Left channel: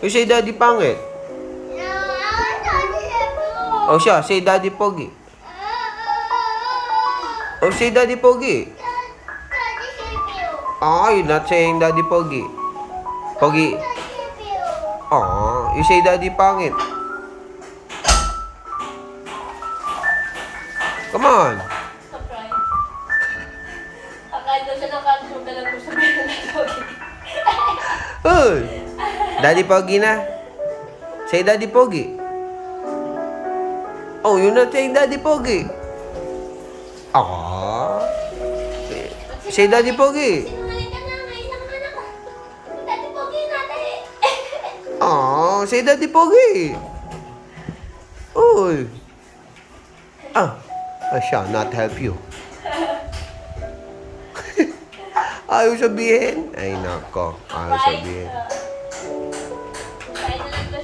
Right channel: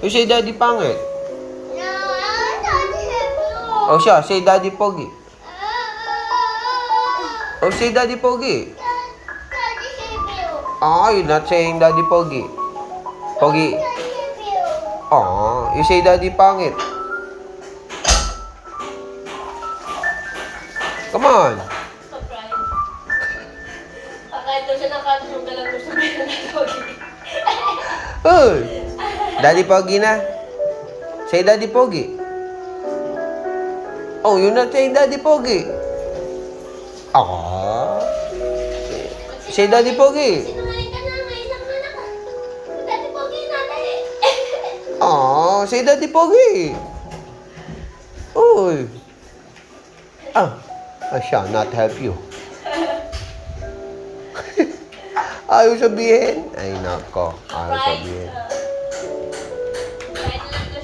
You say Daddy pangit. O siya, say Daddy pogi. O say Daddy pogi. Oh, you're not saying Daddy pogi. Pogi. Oh, you say Daddy pangit. Come on. Hey, Daddy pogi na. Say Daddy pogi. Oh, you're not saying Daddy pogi. Ah. Say Daddy pogi. Ah, say Daddy pogi. Uy. Ah, I shall not help you. Ayaw sabihin. Ay, nako. Ayaw sabihin.